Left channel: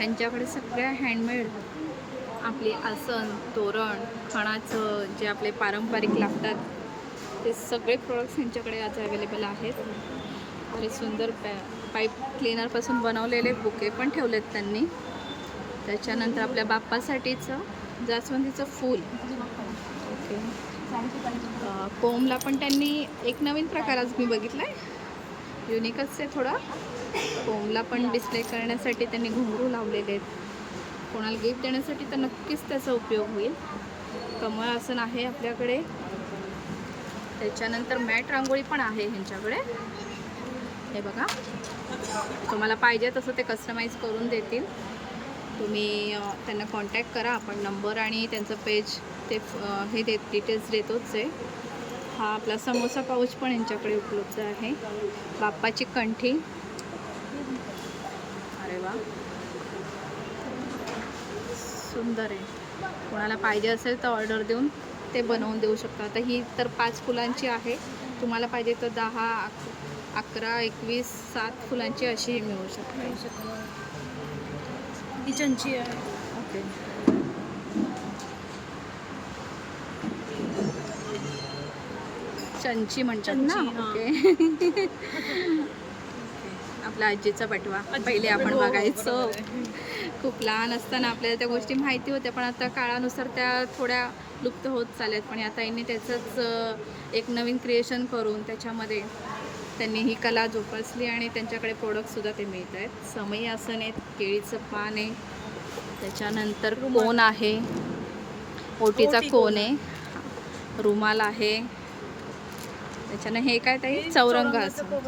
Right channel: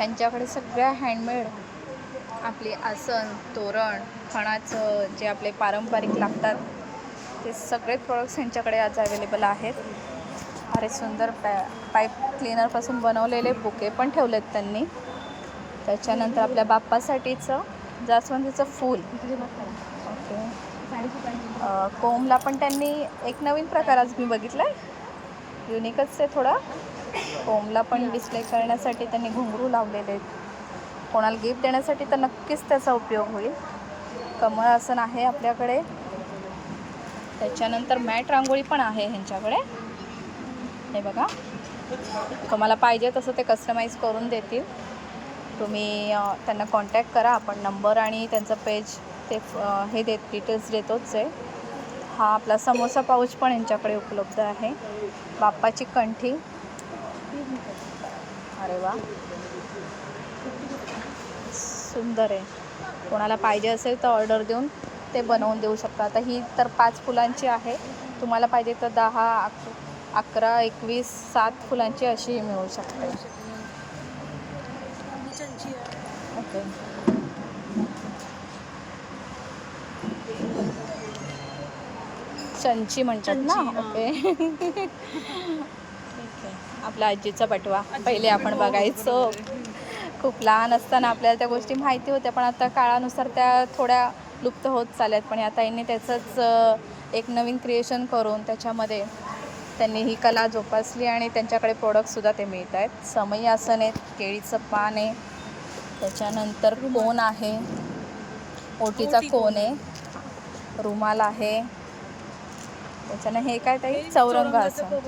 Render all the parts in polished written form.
ह्यांच्याकडे सगळ्या हँडमेड आपली आसन, तोरण, खणाचं जे आपले पारंपरिक लागतात ते सगळे प्रोडक्ट्स ह्यांच्याकडे आज अवेलेबल आहेत. अरे सुंदर पाईप क्लीनरपासून बनवलेले बुके पण ठेवलेत त्यांनी. त्याच्यानंतर आपल्या बाप्पासाठीचं जास्वंदीचं फूल. ओके. कोंबला पण त्यांनी एक नवीन प्रकार आज मी बघितला आहे, युनिकच आहे थोडा. कोंबला पण डिस्प्ले करण्यासाठी त्यांनी घुंगरू लावलेले आहेत. कोणाला गिफ्ट देण्यासाठी तर नक्कीच त्याचा उपयोग होईल. कमळ आसन आहे आपल्याकडे. त्याच्यानंतर मॅट रांगोळी पण आहे ह्यांच्याकडे. हे बघा, तुम्हाला पाहिजे तसं ते कस्टमाइज करून देतील. तुम्ही त्यांना कॉन्टॅक्ट करा. आपण नंबर आणि त्यांचं पेज ते हे डिटेल्स देतोच आहे. हा आपला समोसा पाऊच पण यांच्याकडे उपलब्ध आहे. बाप्पाची कंठी. अरे वा, सुंदर आहे. कोणाला पाहिजे असेल तर ऑर्डर देऊन ते बनवून देऊ शकता. आता ही तर 5 फुलांची आहे. तुम्हाला पाहिजे तर 10, 11, 21, 7 फुलांची अशीही मिळू शकते. चंची आहे. ओके. चंची म्हणतात ना. ओके. ओके. आपल्या आजीचा बटवा पहिले आपण बघायचो. खूप लहान असताना आपल्याला त्या गोष्टी माहिती होत्या, पण आता काळानुसार त्या थोड्या लुप्त होत चालल्यात. पण आता यांनी त्याचंच एक नवीन क्रिएशन करून त्याच्यामध्ये त्यांनी ही कला जोपासली आणि त्यांच्याकडे प्रोडक्टसुद्धा ते मिळत आहेत. समई आसन आहेत, केळीचं पान आहे, त्याच्यानंतर कोन आहे, ओटीचा कोन आहे, रुमाल आहे. त्याच्यानं हे काय ताई, चौरंग आसन.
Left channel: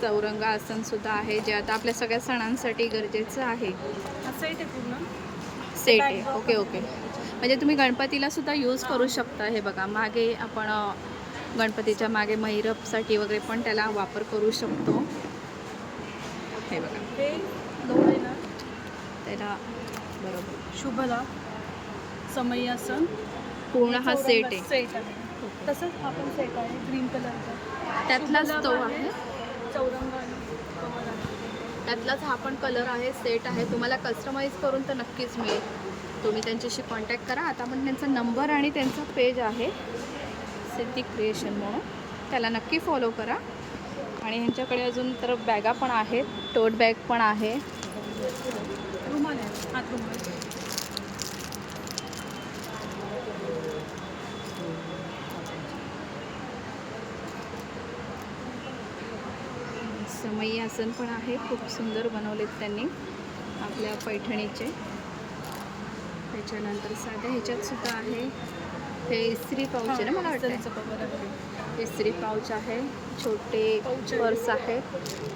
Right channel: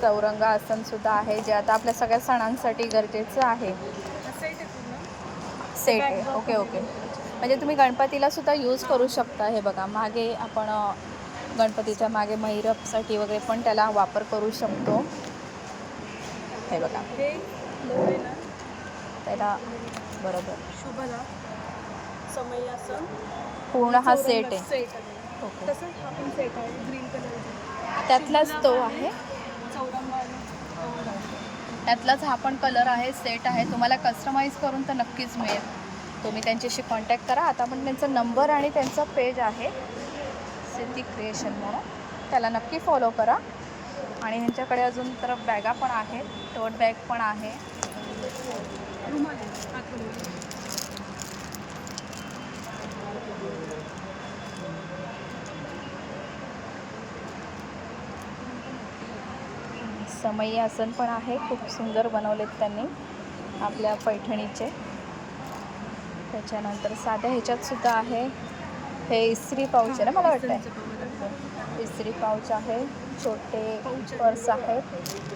चौरंग आसनसुद्धा आहे, जे आता आपल्या सगळ्या सणांसाठी गरजेचं आहे. सेट आहे. Okay okay. म्हणजे तुम्ही गणपतीलासुद्धा यूज करू शकता. हे बघा, मागे आपण गणपतीच्या मागे महिरपसाठी वगैरे पण त्याला वापर करू शकतो. हे बघा, त्याला बरोबर शुभला समई आसन पूर्ण हा सेट आहे. ओके. तसंच हा पण सेट आहे ग्रीन कलरचा. त्यातलाच तो आहे. चौरंग आहे. त्यातलाच हा पण कलर आहे, सेट आहे. तुम्हाला कस्टमाइज करून तर नक्कीच मिळेल. तुम्ही त्यांच्याशी कॉन्टॅक्ट करा. आता पण त्यांचा नंबर आणि त्यांचा पेज आहे सिद्धी क्रिएशन म्हणून, त्याला नक्की फॉलो करा. आणि ह्यांच्याकडे अजून तर बॅगा पण आहेत, टोट बॅग पण आहे. रुमाल आहे, हात रुमाल. समई आसन पण आहे, खूप सुंदर बनवलेत त्यांनी आपल्या पैठणीचे. त्याच्यानंतर साध्या ह्याच्यातसुद्धा आहे. हे इस्त्री पाऊच आहे ना, मला वाटतं इस्त्री पाऊच आहे. छोटे पर्स आहेत.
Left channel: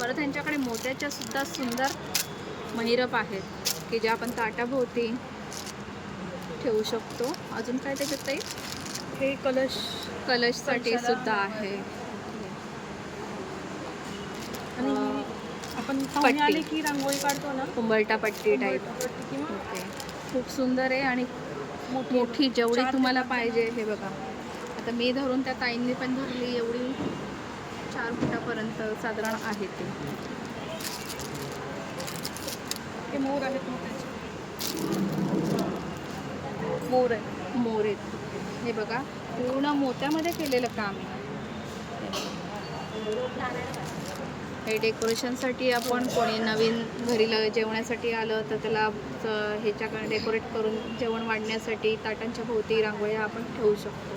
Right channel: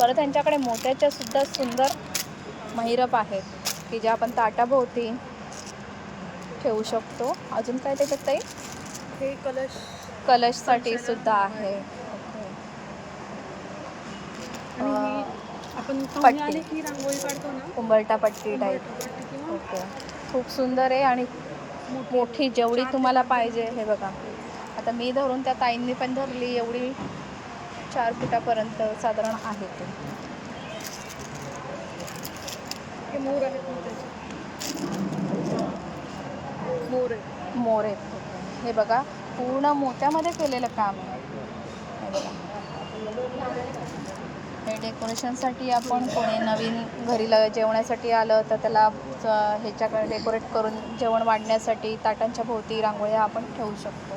परत त्यांच्याकडे मोत्याच्यासुद्धा सुंदर महिरप आहेत की जे आपण ताटाभोवती ठेवू शकतो. अजून काय त्याच्यात ताई? हे कलशसाठी सुद्धा आहे. आपण पट्टी आले की रांगोळी काढतो ना, उंबरटा पट्टी टाईप. ओके. खूप सुंदर आहे आणि मोठी जेवढी तुम्हाला पाहिजे. हे बघा, आता मी धरून त्या ताईंनी पण धरली एवढी 4 फुटापर्यंत साधारण आहे ते. हे मोर आहेत, मोर आहेत. मोर आहेत. हे बघा, पूर्ण मोत्यामध्ये केलेलं काम आहे. हे बघा, हे डेकोरेशनसाठी आपण कोणी नवीन घरी जेवण्यासाठी आलं तर त्याला ह्याच्याकडे डेकोरेट करून जेवण वाढण्यासाठी ताटांच्या भोवती रांगोळ्या आपण ठेवू शकतो.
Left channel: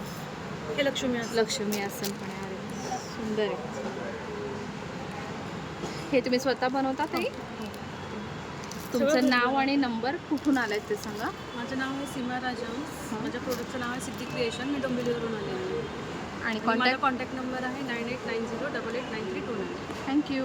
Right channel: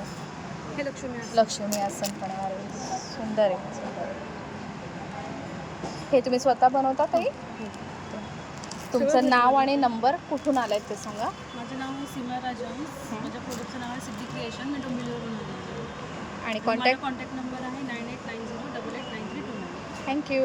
हे लक्ष्मी आसन पण आहे. अरे सुंदर आहे. हे तुम्ही स्वतः बनवता ताई? तुमचं नाव आणि नंबर कुठून आलाय ते सांगा. माझं नाव सीमा राजा. माझ्या प्रोडक्टचं नाव आहे सिद्धी क्रिएशन. मी डोंबिवलीवरून आले आहे. आणि कॉन्टॅक्ट नंबर आहे 9890889329. थँक्यू.